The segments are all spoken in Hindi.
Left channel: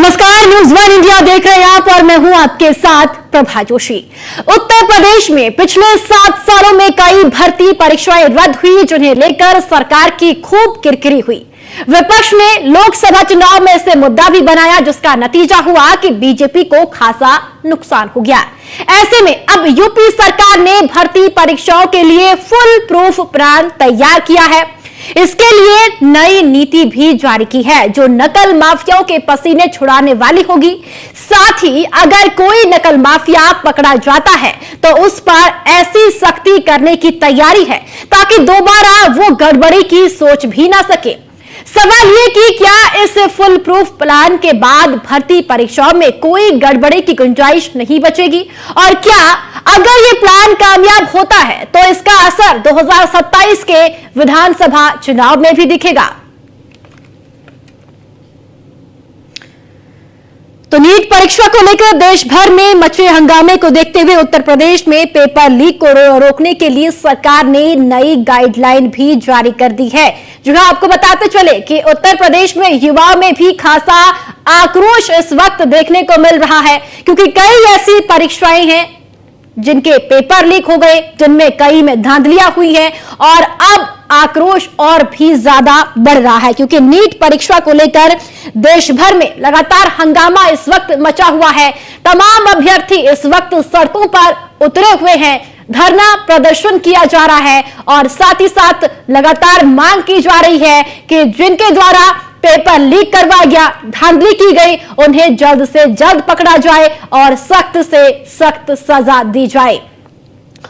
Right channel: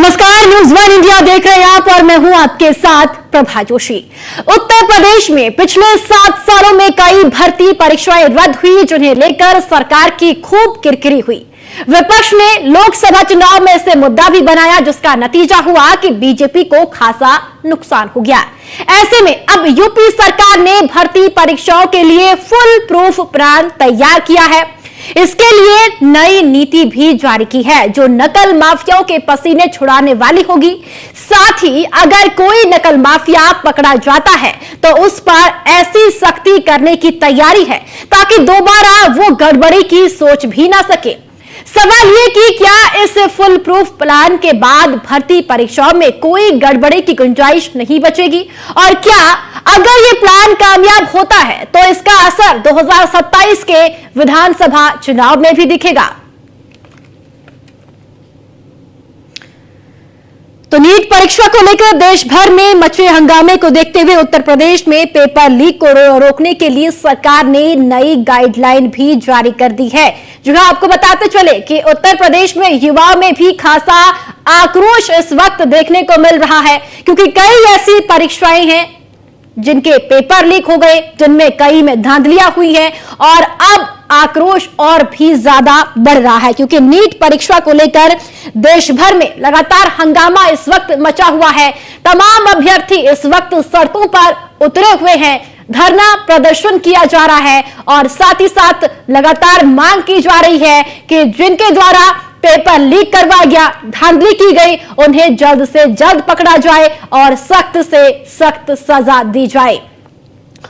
नमस्कार, न्यूज़ वन इंडिया देख रहे हैं आप और मैं हूं आपके साथ प्रभा जोशी। उत्तर प्रदेश में पिछले 7 सालों में कई भर्ती परीक्षाएं रद्द हुई, जिन्हें लेकर सरकार की खूब किरकिरी हुई। विपक्ष ने लोकसभा चुनाव में इसे मुद्दा भी बनाया, जिसका नतीजा हुआ कि बीजेपी को खासा नुकसान हो गया। ऐसे में अब यूपी सरकार ने भर्ती परीक्षाओं के लिए फुल प्रूफ प्लान तैयार किया है। इसके लिए नई नीति भी जारी की है, जो नकल माफियाओं के पसीने छुड़ाने वाली होगी। साथ ही अगर कोई नकल माफिया पकड़ा जाता है तो उस पर ऐसी सख्ती करने की तैयारी है ताकि दोबारा वो गड़बड़ी की सोच भी ना सके। सवाल ये कि क्या इस फुल प्रूफ प्लान के बाद भर्ती परीक्षाओं में कोई गड़बड़ी की गुंजाइश नहीं बचेगी, और क्या अगर ये प्लान कामयाब होता है तो इसका असर 2027 के विधानसभा चुनाव में भी दिखेगा। तो नीट परीक्षा को लेकर देश भर में मचे हंगामे को देखते हुए उत्तर प्रदेश में पेपर लीक को रोकने के लिए सरकार ने नई गाइडलाइन भी जारी कर दी है। जो आपको बताते चले कि उत्तर प्रदेश में युवाओं में भी खासा आक्रोश इस वक्त देखने को मिल रहा है, क्योंकि कई ऐसी परीक्षाएं हैं जिनके पेपर लीक हो गए, जिनमें कई में धांधलियां हुई है, और अब आक्रोश और भी ज्यादा बढ़ रहा है, क्योंकि नीट परीक्षा को लेकर देश भर में लगातार हंगामा इस वक्त मचा हुआ है। तमाम अभ्यर्थी इस वक्त सड़कों पर उतरे हुए हैं, धरना प्रदर्शन किया जा रहा है, और साथ ही साथ लगातार मांग की जा रही है कि जिनके द्वारा पेपर लीक करवाया गया, धांधली की गई, उन्हें जल्द से जल्द पकड़ा जाए और सख्त से सख्त सजा दी जाए।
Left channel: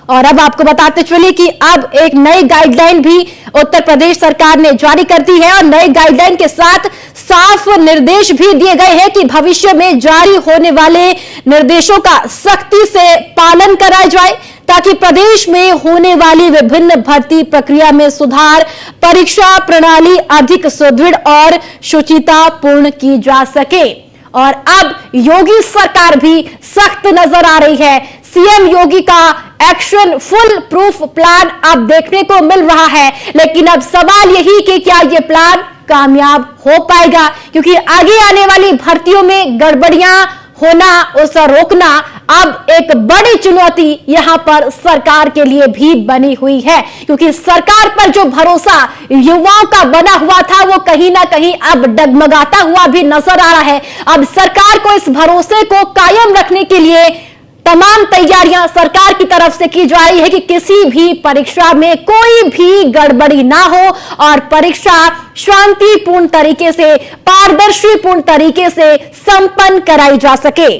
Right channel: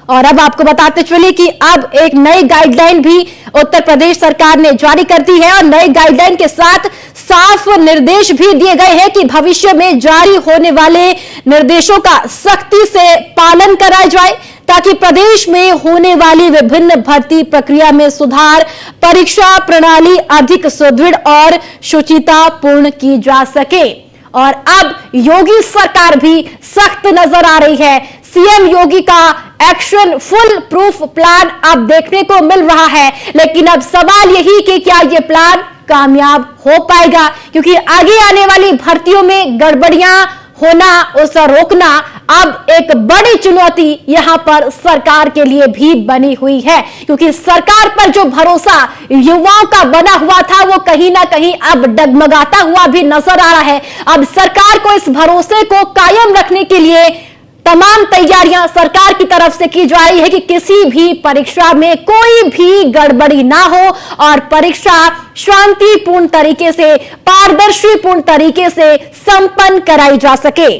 और अब आपको बताते चलिए कि अब एक नई गाइडलाइन भी उत्तर प्रदेश सरकार ने जारी कर दी है, और नई गाइडलाइन के साथ साफ निर्देश भी दिए गए हैं कि भविष्य में जारी होने वाले निर्देशों का सख्ती से पालन कराया जाए, ताकि प्रदेश में होने वाली विभिन्न भर्ती प्रक्रिया में सुधार, परीक्षा प्रणाली अधिक सुदृढ़ और शुचितापूर्ण की जा सके। और अब योगी सरकार भी सख्त नजर आ रही है। सीएम योगी का एक्शन फुल प्रूफ प्लान अब देखने को मिल रहा है, लेकिन अब सवाल यही कि क्या ये प्लान कामयाब हो पाएगा, क्योंकि आगे आने वाली भर्तियों में गड़बड़ियां होना, उसे रोकना अब एक बड़ी चुनौती यहां पर सरकार के लिए भी बनी हुई है, क्योंकि सरकार पर जो भरोसा युवाओं का बना हुआ था वो कहीं ना कहीं अब डगमगाता हुआ भी नजर आ रहा है। अब सरकार को इस भरोसे को कायम रखने के लिए तमाम तैयारियां सरकार की तरफ से की जा रही है कि किसी भी परीक्षा में कोई भी गड़बड़ी ना हो और परीक्षा शांतिपूर्ण तरीके से, पारदर्शीपूर्ण तरीके से संपन्न कराई जा सके।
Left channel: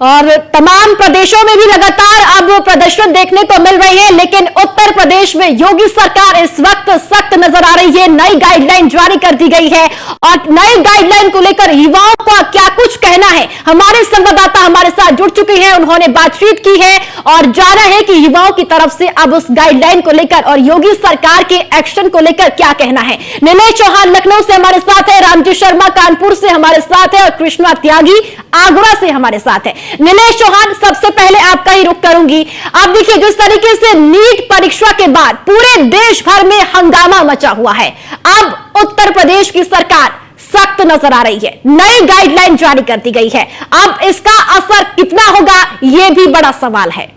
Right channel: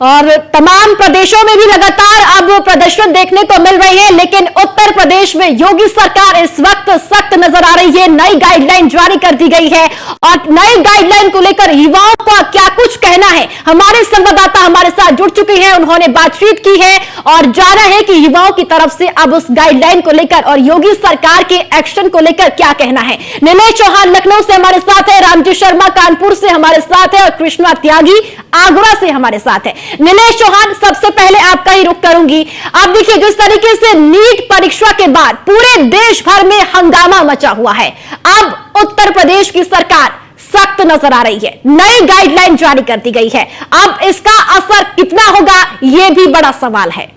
और तमाम प्रदेशों में भी लगातार अब प्रदर्शन देखने को मिल रही है, लेकिन उत्तर प्रदेश में योगी सरकार इस वक्त सख्त नजर आ रही है। नई गाइडलाइन जारी कर दी गई है, और नई गाइडलाइन को लेकर युवाओं का क्या कुछ कहना है, हमारे संवाददाता हमारे साथ जुड़ चुके हैं, उन्होंने बातचीत की है और जाना है कि युवाओं की तरफ से अब उस गाइडलाइन को लेकर और योगी सरकार के एक्शन को लेकर क्या कहना है। नीलेश चौहान लखनऊ से हमारे साथ है, रामजी शर्मा कानपुर से हमारे साथ है, और कृष्णा त्यागी आगरा से हमारे साथ है। नीलेश चौहान, सबसे पहले आपका ही रुख करूंगी। आप देखिए, जिस तरीके से नीट परीक्षा के बाद पूरे देश भर में हंगामा मचा हुआ है, अब उत्तर प्रदेश की सरकार सख्त नजर आ रही है, नई गाइडलाइन जारी कर दी गई है। अब इसका असर कितना होगा, यह भी बड़ा सवाल है।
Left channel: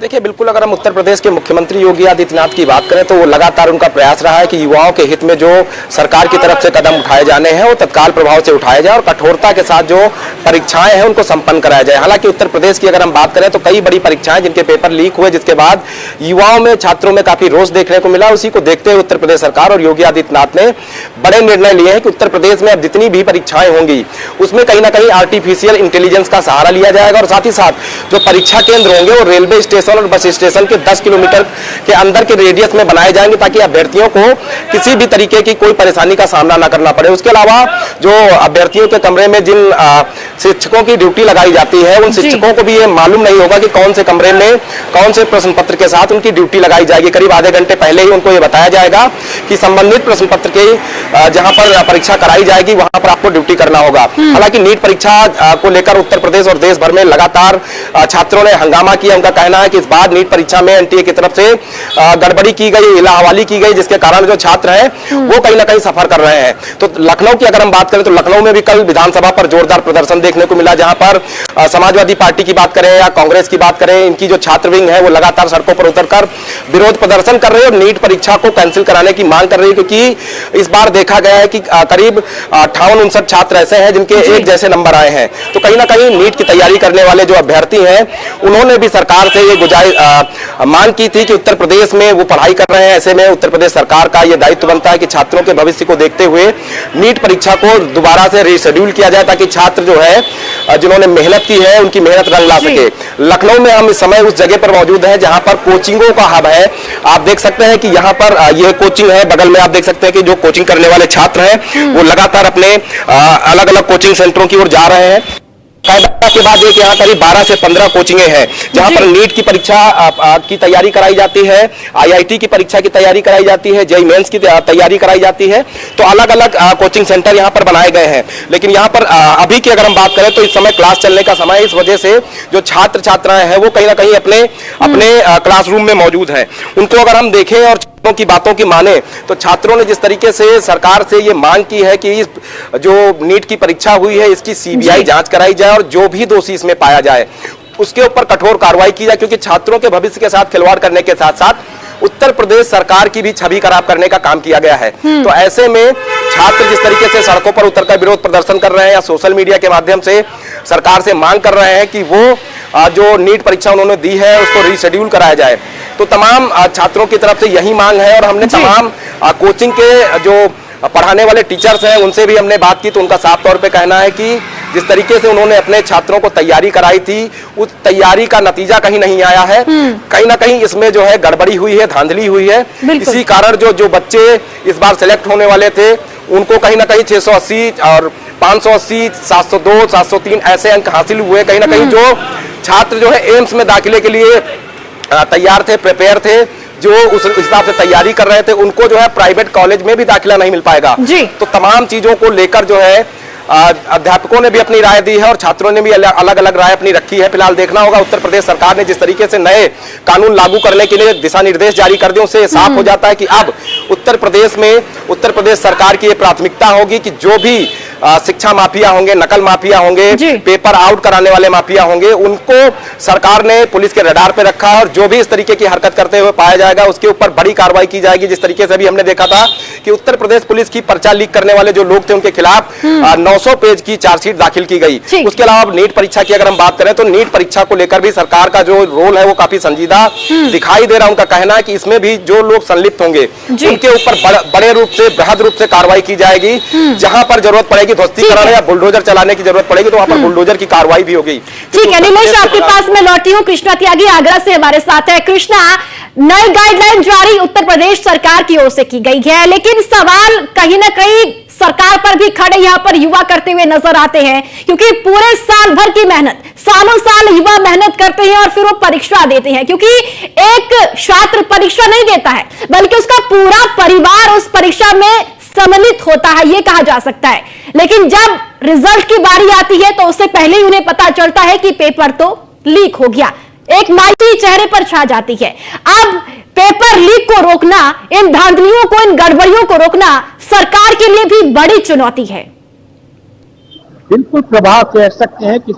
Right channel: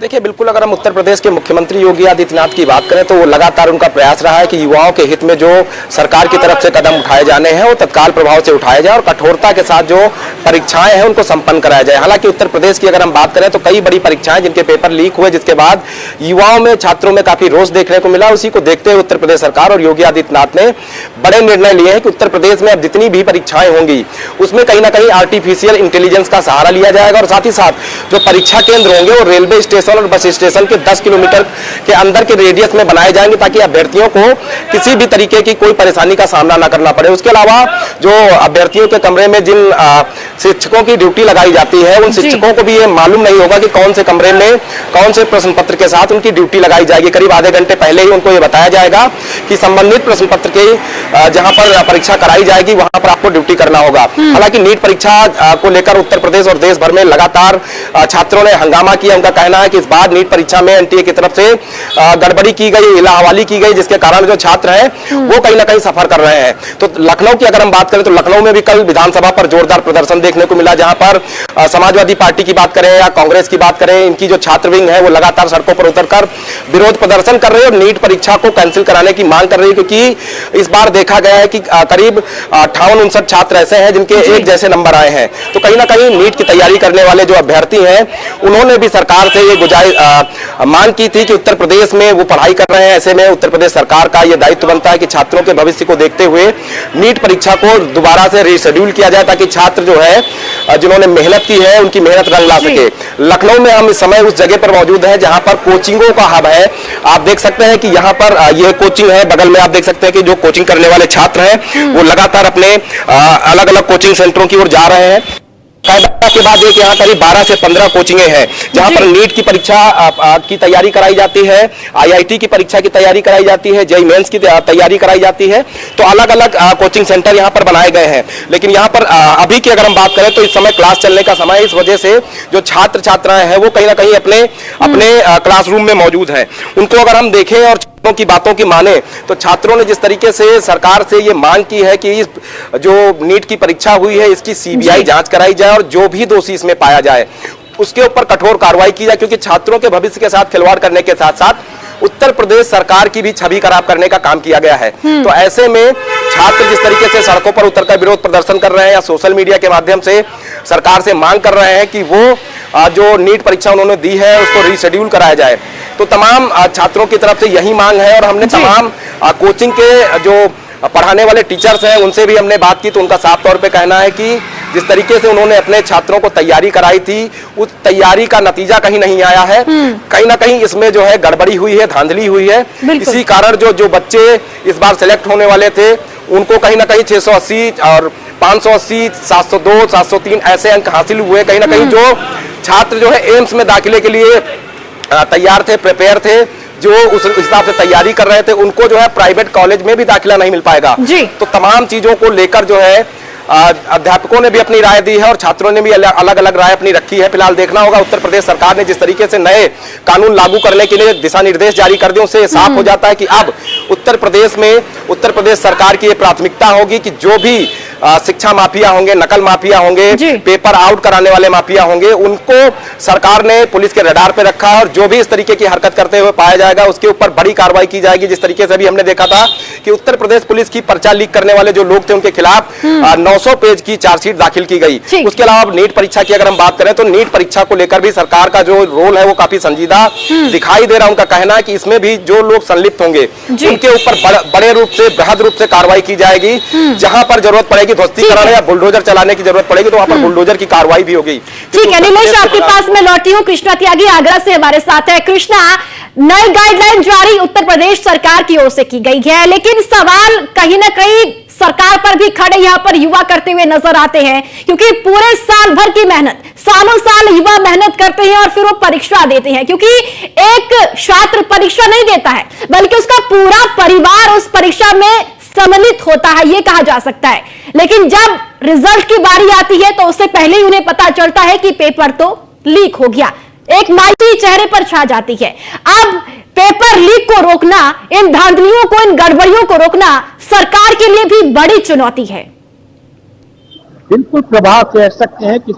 देखिए, बिल्कुल अगर हम उत्तर प्रदेश के मुख्यमंत्री योगी आदित्यनाथ की बात करें तो वो लगातार उनका प्रयास रहा है कि युवाओं के हित में जो सरकार की तरफ से कदम उठाए जाने हैं वो तत्काल प्रभाव से उठाए जाए और कठोरता के साथ जो परीक्षाएं हैं उनको संपन्न कराया जाए। हालांकि उत्तर प्रदेश की अगर हम बात करें तो कई बड़ी परीक्षाएं जिनके पेपर लीक हुए, जिसके बाद युवाओं में, छात्रों में काफी रोष देखने को मिला। उसी को देखते हुए उत्तर प्रदेश सरकार और योगी आदित्यनाथ ने बड़े निर्णय लिए हैं कि उत्तर प्रदेश में अब जितनी भी परीक्षाएं होंगी उसमें कहीं ना कहीं आर्टिफिशियल इंटेलिजेंस का सहारा लिया जाएगा, और साथ ही साथ जो परीक्षा केंद्र होंगे वो रेलवे स्टेशन और बस स्टेशन के 10 किलोमीटर के अंदर के रेडियस में बनाए जाएंगे, ताकि अभ्यर्थियों को किसी भी तरीके की कोई परेशानी का सामना न करना पड़े। उसके अलावा जो अभ्यर्थियों के कमरे में जिन शिक्षकों की ड्यूटी लगाई जाती है, उन शिक्षकों को भी ये मालूम नहीं होगा कि कौन से कमरे में कौन से प्रश्न पत्र के साथ उनकी ड्यूटी लगाई जाएगी। करीब आधे घंटे पहले ही उनको ये बताया जाएगा कि संबंधित प्रश्न पत्र के जहां पर परीक्षा कराई जाएगी वहां पर आपको ड्यूटी करना होगा। हालांकि नीट परीक्षा को लेकर उत्तर प्रदेश और देश भर में लगातार छात्रों ने हंगामा किया। उनका कहना है कि कि इस बार नीट परीक्षा में एनटीए की तरफ से गड़बड़ी की गई, इलाहवाली की गई, जिसके कारण जो छात्र हैं वो कहीं ना कहीं सफर कर रहे हैं। तो लखनऊ की अगर हम बात करें तो लखनऊ में भी कल विधानसभा पर जोरदार प्रदर्शन देखने को मिला, जहां पर समाजवादी पार्टी की बात करें या कांग्रेस की बात करें, इनकी जो छात्र विंग है वो लगातार सड़कों पर उतरकर विरोध प्रदर्शन कर रहे हैं और नीट परीक्षा को कैंसिल कराने की मांग कर रही है, क्योंकि इस बार देखा गया है कि करीब 58-59 छात्र ऐसे हैं जिनके एक जैसे नंबर आए हैं। तो कहीं ना कहीं नीट की तैयारी करने वाले जो अभ्यर्थी हैं उन्होंने भी सरकार से ये मांग की थी कि उत्तर प्रदेश में वो पढ़ाई कर रहे हैं, ऐसे में उत्तर प्रदेश सरकार का ये दायित्व बनता है कि छात्रों के भविष्य को देखते हुए नीट परीक्षा को दोबारा से रीशेड्यूल किया जाए, ताकि छात्र जो है जिन्होंने मेहनत की है उनकी मेहनत रंग ला सके। लखनऊ में हम इस समय उस जगह पर मौजूद हैं जहां पर कोचिंगों का हब है। आप देख सकते हैं कि यहाँ पर यह कोचिंग है, बगल में आप देख सकते हैं कि जो कोचिंग करने वाले छात्र हैं वो लगातार अपने अलग अलग कोचिंग सेंटरों की ओर जा रहे हैं। कायदा के बाद एक यहाँ करीब 12 से 15 कोचिंगें हैं जहां पर नीट की परीक्षा की तैयारी कराई जाती है, आईआईटी की परीक्षा की तैयारी कराई जाती है, जेईई मेंस की तैयारी कराई जाती है। तो अलग अलग कोचिंग सेंटर यहाँ पर बनाए गए हैं। लेकिन यहाँ पर अभी की अगर हम बात करें तो इस समय क्लास चलने का समय, इस वजह से जो छात्र छात्राएं हैं वो कहीं ना कहीं अपने क्लासरूम में मौजूद है। उनको अगर हम देखें और छात्रों की बातों की माने तो छात्रों ने जिस तरीके से सरकार से ये मांग की है कि जो नीट की परीक्षा हुई है इसकी सीबीआई जांच कराई जाए और जो भी दोषी इसमें पाया जाए उसके ऊपर कठोर कार्रवाई की जाए, क्योंकि छात्रों के भविष्य के साथ खिलवाड़ करने के साथ साथ उत्तर प्रदेश सरकार की भी छवि खराब करने का काम किया गया है। तो ऐसे में छात्र जिस तरीके से सड़कों पर उतरकर विरोध प्रदर्शन कर रहे हैं या सोशल मीडिया के माध्यम से सरकार से मांग कर रहे हैं कि वो जो नीट परीक्षा उन्होंने दी है उसको रीशेड्यूल कराया जाए, तो तमाम छात्रों की तरफ से यही मांग है। और हमने तमाम कोचिंग के जो पढ़ाने वाले टीचर्स हैं उनसे भी हमने बात की तो उनका साफ तौर पे कहना है कि जिस तरीके से उन्होंने अपने छात्रों को तैयारी कराई थी उस तैयारी का नतीजा कहीं नहीं आया है। कहीं ना कहीं इसमें जो है गड़बड़ी हुई है, धांधली हुई है। इसी कारण जो बच्चे इस बार सिलेक्ट होने वाले थे उनको कहीं ना कहीं 680 और 580, 702, 703 ऐसे अंक हासिल हुए। कहीं ना कहीं जो छात्र जो है एम्स में दाखिले के लिए तैयार थे, प्रिपेयर थे, जो उस हिसाब से तैयारी कर रहे थे, उनको जो है प्राइवेट कॉलेज में भी दाखिला नहीं मिल पाएगा। तो तमाम चीजों को लेकर जो है अध्यापकों ने भी अपनी राय दी है और छात्रों ने भी अलग अलग राय अपनी रखी है। फिलहाल देखना होगा उत्तर प्रदेश सरकार ने जिस तरीके से नए कानून लागू करने के लिए दिशा निर्देश जारी कर दिए, उससे साफ हो जाता है कि अब उत्तर प्रदेश सरकार की प्राथमिकता होगी कि जो भी शिक्षा माफिया होंगे, नकल माफिया होंगे, पेपर आउट कराने वाले माफिया होंगे, उनको सरकार ने पुलिस के रडार पे रखा है और जो भी इस तरीके की हरकत करते हुए पाया जाएगा उसके ऊपर बड़ी कार्रवाई की जाएगी। जिस तरीके से भी हमने देखा था कि उत्तर प्रदेश पुलिस की पर्चा लीक करने वाले जो लोग थे उनके खिलाफ 900 पेज की चार्जशीट दाखिल की गई। उसके अलावा नीट परीक्षा की अगर हम बात करें तो नीट परीक्षा को लेकर भी सरकार का जो रोल है वो काफी संजीदा दिखाई दे रहा है। उनका कहना है कि इसमें भी जो लोग संलिप्त होंगे उनके ऊपर बड़े रूप से, बृहद रूप से कार्रवाई की जाएगी। जहां पर जरूरत पड़ेगी ध्वस्तीकरण या बुलडोजर चलाने की जरूरत पड़ेगी तो वहां पर बुलडोजर की कार्रवाई भी होगी। ठीक है नीलेश, आपके पास मैं लौटी हूँ। कृष्णा त्यागी आगरा से हमारे साथ है। कृष्णा, नई गाइडलाइन जारी उत्तर प्रदेश सरकार की ओर से की गई है, लेकिन सवाल कहीं ना कहीं सरकार पर भी खड़े यहाँ पर युवा करते हुए नजर आते हैं, क्योंकि पूरे साल भर की मेहनत, सालों साल युवा मेहनत करते हैं और फिर वो परीक्षा देते हैं, क्योंकि एक छात्र परीक्षा नहीं देता है बल्कि उसका पूरा परिवार उस परीक्षा में सम्मिलित होता है, ये कहा जा सकता है। लेकिन जब रिजल्ट की बारी आती है तो उससे पहले ही उन्हें पता चलता है कि पेपर तो लीक हो गया, एक मायूसी चेहरे पर छा जाती है। अब पेपर लीक को रोकना, इन धांधलियों को, इन गड़बड़ियों को रोकना सरकार के लिए भी बड़ी चुनौती है। बिल्कुल प्रभाव कह सकते हैं कि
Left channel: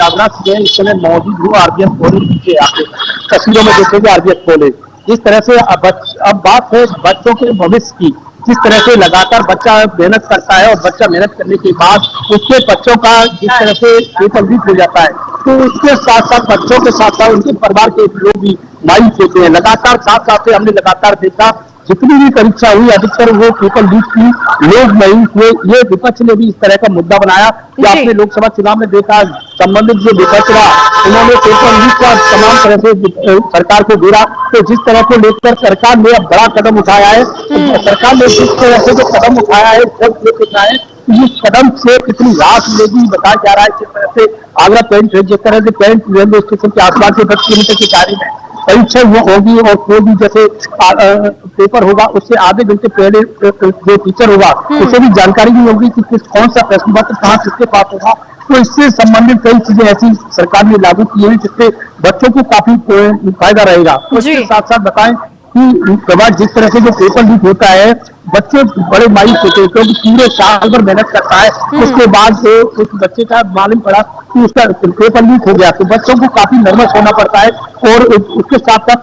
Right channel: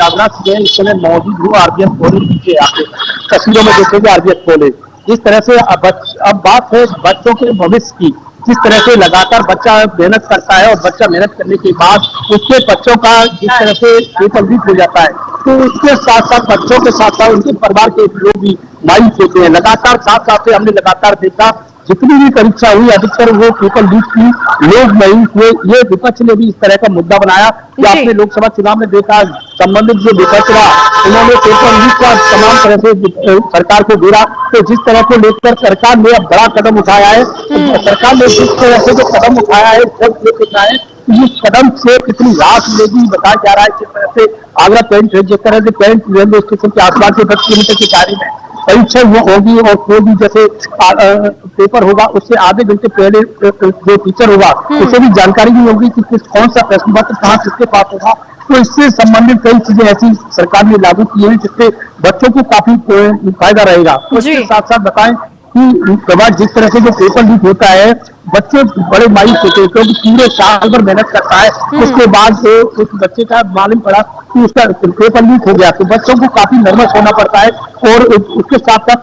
आगरा से इस समय मौजूद हूँ आरबीएस कॉलेज के तस्वीरों में देखेंगे आरबीएस कॉलेज। इस तरह से अब बात है बच्चों के भविष्य की, जिस तरह से लगातार बच्चा मेहनत करता है और बच्चा मेहनत करने के बाद उसके बच्चों का जिस तरह से पेपर लीक हो जाता है तो उसके साथ साथ बच्चों के साथ साथ उनके परिवार के लोग भी मायूस होते हैं। लगातार साथ साथ हमने लगातार देखा जितनी भी परीक्षा हुई अधिकतर वो पेपर लीक की लोग मायूस हुए। ये विपक्ष ने भी इस तरह का मुद्दा बनाया कि आपने लोकसभा चुनाव में देखा संबंधित जो विपक्ष रहा उन्होंने पेपर लीक का तमाम तरह से सरकार को घेरा। तो जिस तरह को लेकर सरकार ने अब बड़ा कदम उठाया है, सरकार ने जिस तरह से जो कदम उठाया है इस कदम से कितनी राहत मिलेगी बताया जा रहा है। जिस तरह से आगरा जिस तरह से पेंट रेलवे स्टेशन के आसपास से 10 किलोमीटर की दायरे में परीक्षा होगी और कोई भी जैसे पेपर होगा उससे आधे घंटे पहले जो टीचर होगा उसे भी जानकारी नहीं होगी कि कौन सा प्रश्न पत्र कहाँ किसके पास होगा। तो इससे संबंधित कई चीजें ऐसी सरकार ने लागू की है जिससे बच्चों को काफी फायदा रहेगा। उसके साथ साथ बताएं कि प्रभाव जिस तरह से जो पेपर लीक होता है बच्चे बड़े मायूस होते हैं क्योंकि पूरे साल भर मेहनत करता है, उसके बाद उस बच्चे का मालूम पड़ा कि उसका पेपर लीक हो गया तो बच्चों को काफी नर्वस होना पड़ता है और उसके साथ साथ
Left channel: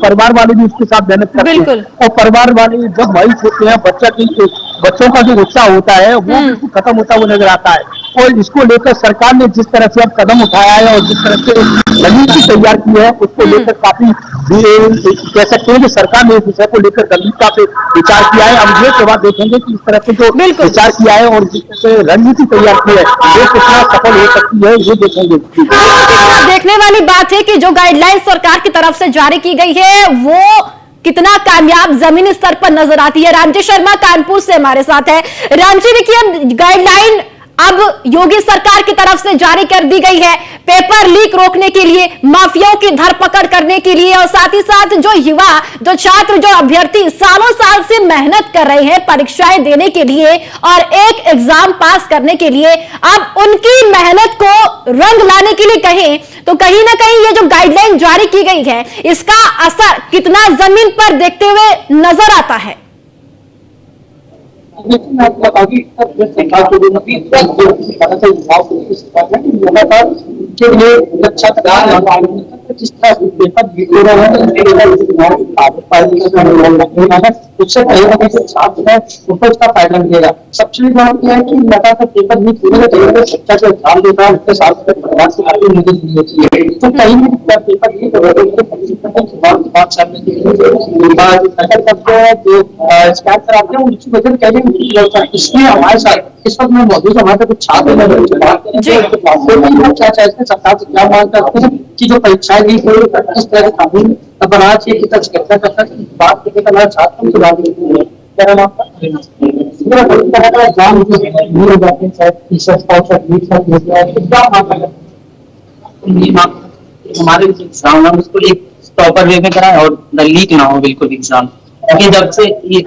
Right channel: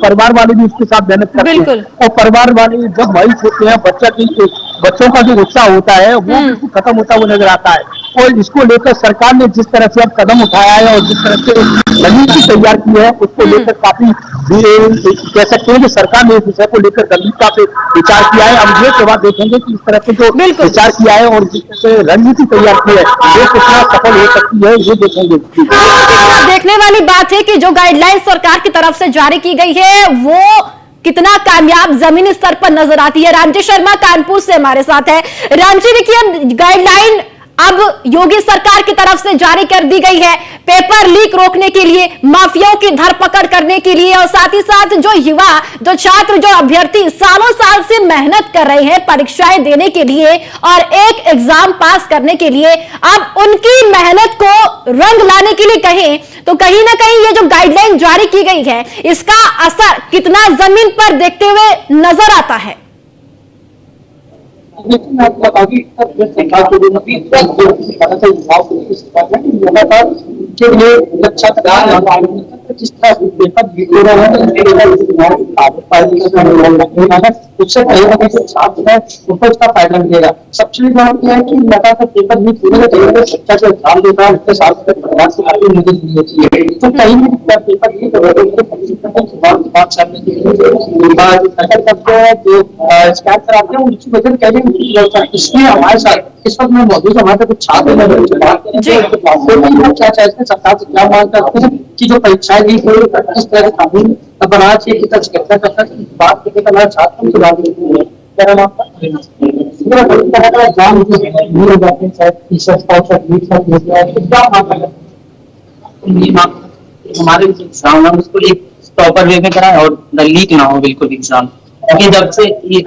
परिवार वाले भी उसके साथ मेहनत करते हैं और परिवार वाले जब मायूस होते हैं बच्चों का जो उत्साह होता है वो बिल्कुल खत्म होता हुआ नजर आता है। और इसको लेकर सरकार ने जिस तरह से अब कदम उठाया है और जिस तरह से रणनीति तैयार की है उसको लेकर काफी कह सकते हैं कि सरकार ने इस विषय को लेकर गंभीरता से विचार किया है। अब ये प्रभाव देखेंगे कि इस तरह से जो विचार किया है और जिस तरह से रणनीति तैयार की है वो कितना सफल हो सकती है ये देखेंगे। देखने वाली बात है कि जो गाइडलाइन सरकार की तरफ से जारी की गई है वो कितना कामयाब जमीनी स्तर पर नजर आती है। रामजी शर्मा कानपुर से हमारे साथ है। रामजी देखिए, गाइडलाइन अब योगी सरकार की तरफ से जारी कर दी गई है पेपर लीक रोकने के लिए, माफियाओं की धरपकड़ करने के लिए और साथ ही साथ जो युवा, जो छात्र, जो अभ्यर्थी सालों साल से मेहनत कर रहे हैं परीक्षाएं देने के लिए और एक एग्जाम पास करने के लिए, अब उनकी मेहनत को रंग लाने के लिए कहें तो कहीं ना कहीं ये जो गाइडलाइन जारी की गई है इसका असर कितना जमीन पर देखते हुए नजर आता है? लेकिन मैं आपको बताऊंगी सरकार को के लिए जिस तरह से पेपर गिर रहे हैं उससे कहीं ना कहीं छात्र है उसको उसका फायदा मिलेगा। सबसे बड़ी बात यह है कि लगातार पेपर लीक होने के शिक्षा से एग्जाम देता है उसके साथ परिवार से काफी मदद मिली होती है। तो कहीं भी पेपर लीक हो रहे हैं इसलिए हमारे साथ इस वक्त में मौजूद हमारे कुछ छात्र सरकार से क्या मांग करते हैं कि जो परीक्षाएं ली हुई इस तरह का कानून बना चाहिए कि चर्चा करता है बात करके हमारे छात्रों को लागू हमारे एग्जाम उसको एक प्रॉपर वे में कराए और लीक ना हो बिल्कुल एग्जाम। क्योंकि जब से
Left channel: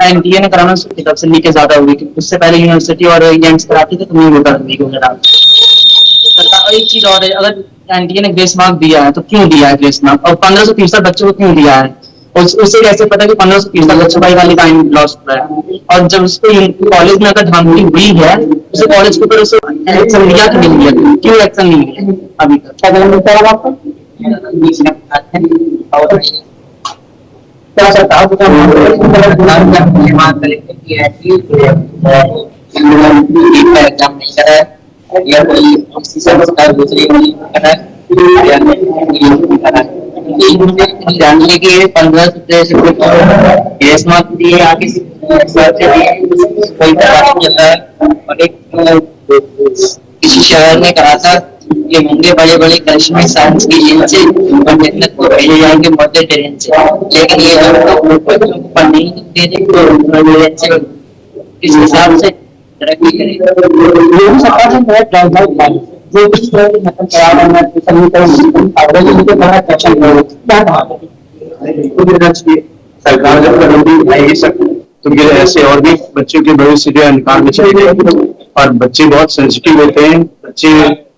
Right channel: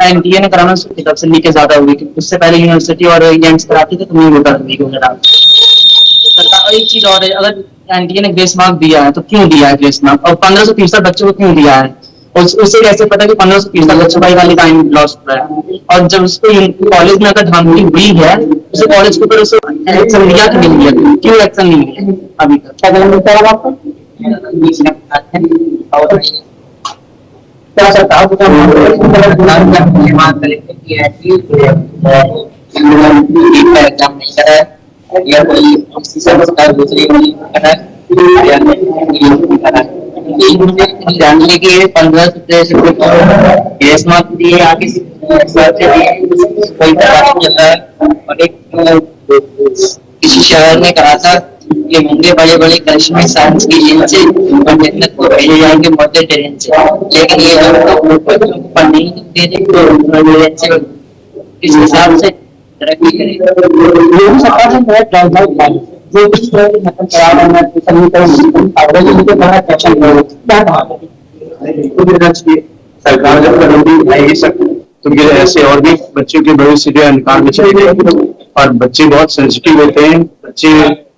एनटीए ने कराना तब से लीकेज ज्यादा हुई, उससे पहले यूनिवर्सिटी और एम्स कराती थे तो नहीं होता लीक वगैरह। सरकार एक चीज और है, अगर एनटीए ने ग्रेस मार्क दिया है तो क्यों दिया है ग्रेस मार्क और 1500% बच्चों को क्यों दिया है और उससे कैसे पता कि 1500% बच्चों का वाली टाइम लॉस हुआ है। और जब उसको कॉलेज में अगर धांधली हुई है उसे कॉलेज के ऊपर उसे एक्शन लिया कि नहीं लिया, क्यों एक्शन नहीं लिया अभी तक? क्या गलत होता है आपको? सरकार को या कोई दूसरी जानने के 15 दिए आगे कोई और एक किसी शहर में कहा था ये होंगे बड़े बड़े करिश्मे साइंस की जेल से और जन्नत को भेजे जाएंगे मध्य ट्रेन से, लेकिन ये पढ़ने ही देने इस हिसाब से तरक्की करेगी। सरकार ने बहुत ड्राइव जो इस तरह की मतलब करा रहे हैं सरकार जब करेगी नहीं सकती तो ये ऐसे और भी बच्चों के भविष्य जो अंधकार में चले गए और बच्चे बहुत सेंसिटिव होते हैं। बच्चे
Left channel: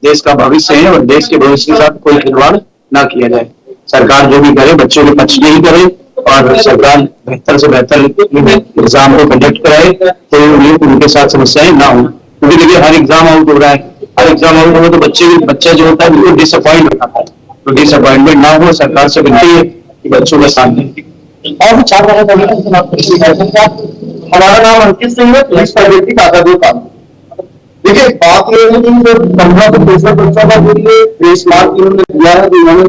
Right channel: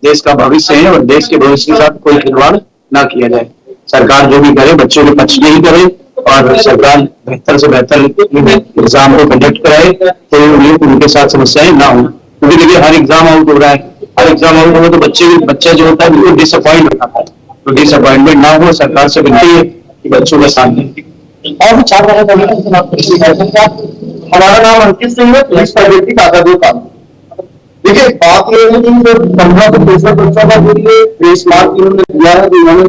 देश का भविष्य है और देश के भविष्य के साथ कोई खिलवाड़ ना किया जाए। सरकार जो भी करे बच्चों के पक्ष में ही करे और सरकार बेहतर से बेहतर एग्जाम को कंडक्ट कराए तो उनके साथ समस्याएं ना हो। क्योंकि देखिए हर एग्जाम आउट हो रहा है, हर एग्जाम आउट हो तो बच्चा जो होता है बिल्कुल डिसअपॉइंट होता है। तो डिसअपॉइंटमेंट ना हो, सरकार से विनती है कि बच्चों के साथ और भी छात्र हमारा नाम अंकित सिंह है, पुलिस प्राइवेटी कागजों का। देखिए बात ये है कि 15 से 20 बच्चों का जो ये ग्रेस मार्क इन्होंने दिया है इन्होंने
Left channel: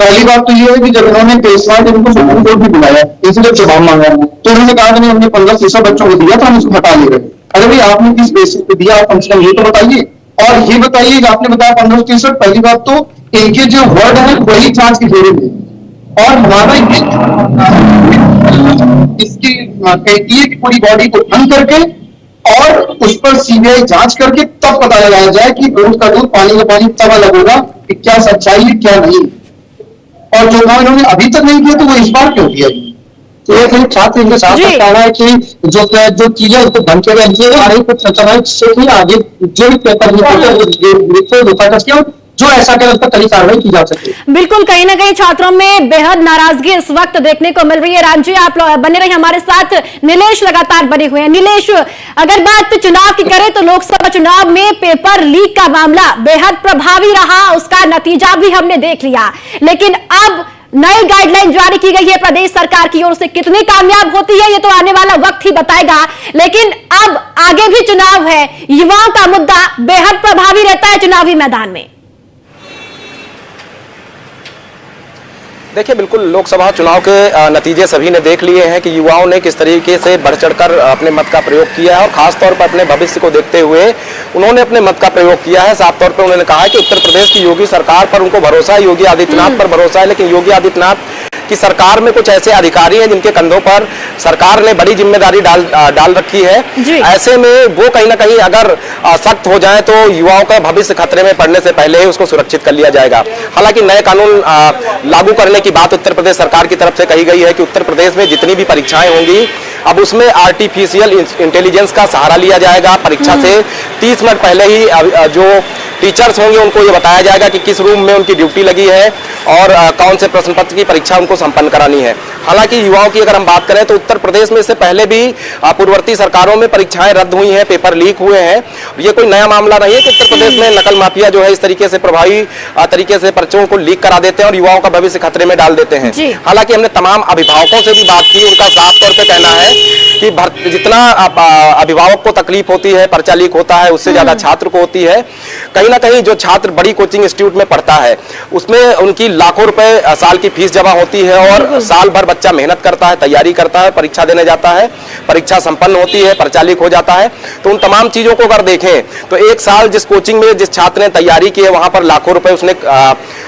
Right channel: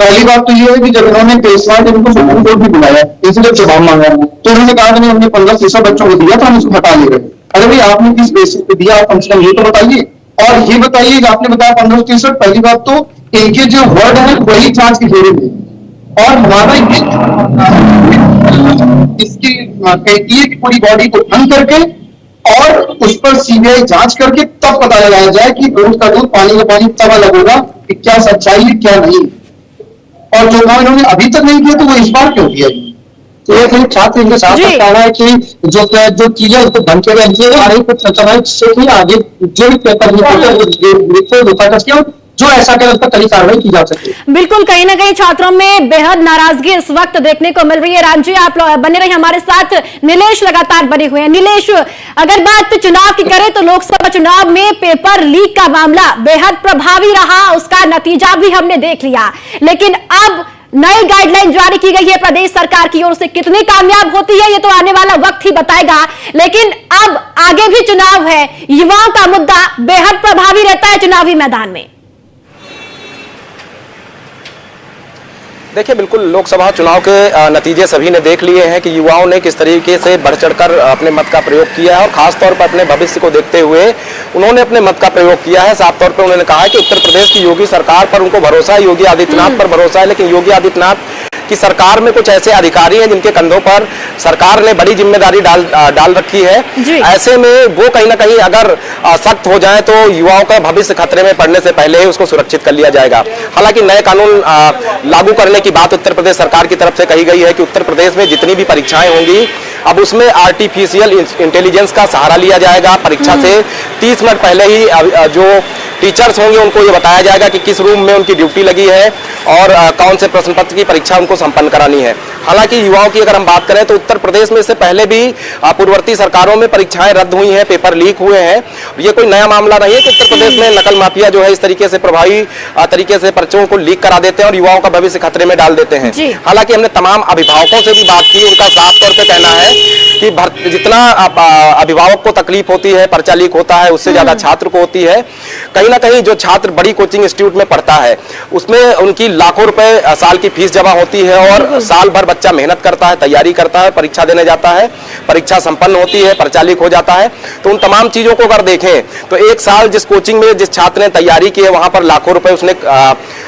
पहली बात तो ये है कि जब उन्होंने ग्रेस मार्क इनको सुप्रीम कोर्ट भी बुलाया इसलिए जवाब मांगा तो उन्होंने कहा कि हमने 15% बच्चों को दिया था हम इसको हटा ले रहे। अरे भाई आपने किस बेसिस पे दिया आप कम से कम ये तो बताइए। और ये बताइए कि आपने बताया 15%, पहली बात तो इनके जो वर्ड है वही जांच के घेरे में और हमारा इसकी एनटीए की पूरी बॉडी को बंद करके और उस पर सीबीआई जांच करके तब पता लगाया जाए कि दूध का दूध पानी का पानी तब अलग होगा कि क्या सच्चाई है क्या नहीं। और जो काम इन्होंने अभी तक नहीं किया तो वो इस बार क्यों किया? तो ये फिर छात्र इनके साथ जी। कहना है कि जो चीजें उनको ढंग के लिए कुछ चल रहा है जिससे कि आगे जो भी पेपर लिखा जो ऐसा करे उस पर कड़ी कार्रवाई की जा सके। बिल्कुल, कहीं ना कहीं छात्रों में बेहद नाराजगी इस वक्त देखने को मिल रही है। राम जी, आप बने रहिए हमारे साथ। नीलेश लगातार बने हुए हैं। नीलेश, अगर बात चुनाव की करें तो लोकसभा चुनाव में पेपर लीक का मामला बेहद प्रभावी रहा, उसका नतीजा भी हमने देख लिया, लेकिन अब नई गाइडलाइन जारी की गई है प्रदेश सरकार की ओर से। कितनी कामयाब होती है ये तो आने वाला वक्त ही बताएगा, लेकिन अब आगे भी चुनाव है, युवाओं का मुद्दा बेहद प्रभावी रहता है चुनावी मैदान में। देखिए, बिल्कुल लोकसभा चुनाव के नतीजे सभी ने देख लिए हैं कि युवाओं ने किस तरीके से बढ़ चढ़कर अपने मत का प्रयोग किया है और खासतौर पर अपने भविष्य को देखते हुए उन्होंने अपने मत का प्रयोग किया है। साफ तौर पर उन्होंने कहा है कि उत्तर प्रदेश की योगी सरकार पर उनको भरोसा है, योगी आदित्यनाथ पर भरोसा है, लेकिन योगी आदित्यनाथ की सरकार में कुछ ऐसे अधिकारी हैं जिनके कंधों पर सरकार ने बड़ी जिम्मेदारी डाल रखी है। ऐसे में वो कहीं ना कहीं अगर सख्त हो जाए तो युवाओं का भविष्य खतरे में पड़ने से पहले ही उसको सुरक्षित कर लिया जाएगा। हालांकि नए कानून लागू करने की बात उत्तर प्रदेश सरकार की तरफ से कही गई है कि उत्तर प्रदेश में जितनी भी परीक्षाएं होंगी अब उसमें आर्टिफिशियल इंटेलिजेंस का सहारा लिया जाएगा। परीक्षा से 30 मिनट पहले ही जो टीचर्स होंगे उनको ये बताया जाएगा कि किस रूम में उनकी ड्यूटी लगी है और कौन से प्रश्न पत्र की परीक्षा उनको संपन्न करानी है। हालांकि युवाओं की अगर हम बात करें तो उत्तर प्रदेश में इससे पहले भी पूर्ववर्ती सरकारों में परीक्षाएं रद्द हुई हैं, पेपर लीक हुए हैं। ये कोई नया मामला नहीं है कि उत्तर प्रदेश में नकल माफिया जो है इस तरीके से प्रभावी तरीके से पर्चों को लीक करा देते हैं और युवाओं का भविष्य खतरे में डाल देते हैं। हालांकि हमने तमाम अभिभावकों से भी बात की, उनका साफ तौर पर कहना है कि जितना अभिभावक को तकलीफ होती है, पर्चा लीक होता है, उससे ज्यादा छात्र को होती है। कहीं ना कहीं जो छात्र बड़ी कोचिंग इंस्टीट्यूट में पढ़ता है उसमें उनकी लाखों रुपए साल की फीस जमा होती है और साल भर बच्चा मेहनत करता है, तैयारी करता है, परीक्षा देने जाता है, परीक्षा संपन्न होती है, पर्चा लीक हो जाता है। तो उन तमाम चीजों को अगर देखें तो एक साल जिस कोचिंग में जिस छात्र ने तैयारी की है वहां पर लाखों रुपए उसने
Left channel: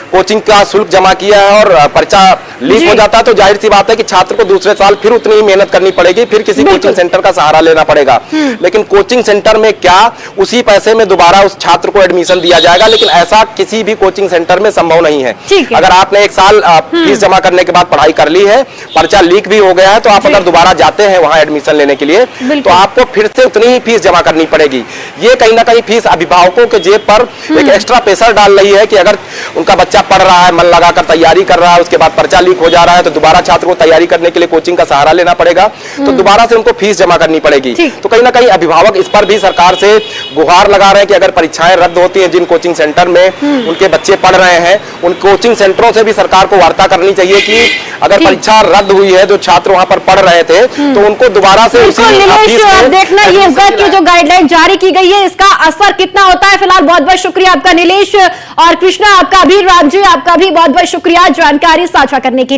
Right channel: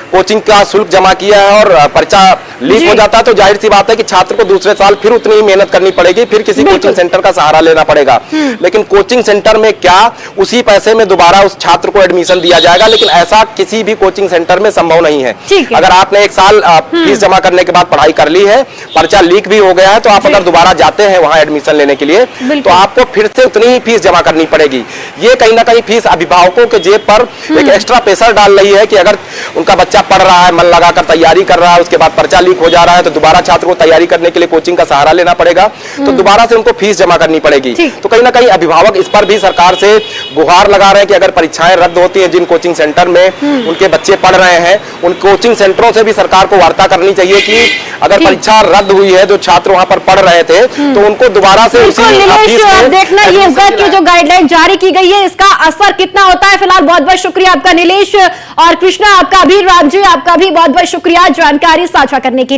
कोचिंग का शुल्क जमा किया है और पर्चा लीक हो जाता है तो जाहिर सी बात है कि छात्र को दूसरे साल फिर उतनी ही मेहनत करनी पड़ेगी, फिर किसी कोचिंग सेंटर का सहारा लेना पड़ेगा। लेकिन कोचिंग सेंटर में क्या उसी पैसे में दोबारा उस छात्र को एडमिशन दिया जाएगा, लेकिन ऐसा किसी भी कोचिंग सेंटर में संभव नहीं है। अगर आपने एक साल फीस जमा करने के बाद पढ़ाई कर ली है, पर्चा लीक भी हो गया है, तो आप अगर दोबारा जाते हैं वहां एडमिशन लेने के लिए तो आपको फिर से उतनी ही फीस जमा करनी पड़ेगी। ये कहीं ना कहीं फीस अभिभावकों के जेब पर एक एक्स्ट्रा प्रेशर डाल रही है कि अगर उनका बच्चा पढ़ रहा है, मन लगाकर तैयारी कर रहा है, उसके बाद पर्चा लीक हो जा रहा है तो दोबारा छात्र को तैयारी करने के लिए कोचिंग का सहारा लेना पड़ेगा, तो दोबारा से उनको फीस जमा करनी पड़ेगी। तो कहीं ना कहीं अभिभावक इस पर भी सरकार से गुहार लगा रहे हैं कि अगर परीक्षाएं रद्द होती हैं जिन कोचिंग सेंटर में उनके बच्चे पढ़ रहे हैं, उन कोचिंग सेंटरों से भी सरकार को वार्ता करनी चाहिए कि अगर परीक्षा रद्द हुई है, जो छात्र वहां पर पढ़ रहे थे तो उनको दोबारा से उसी फीस में देखना ये होगा कि जो गाइडलाइन जारी की गई है इसका असर कितना होता है। फिलहाल बहुत बहुत शुक्रिया आपका नीलेश और कृष्णा, आपका भी, राम जी आपका भी बहुत बहुत शुक्रिया जानकारी साझा करने की।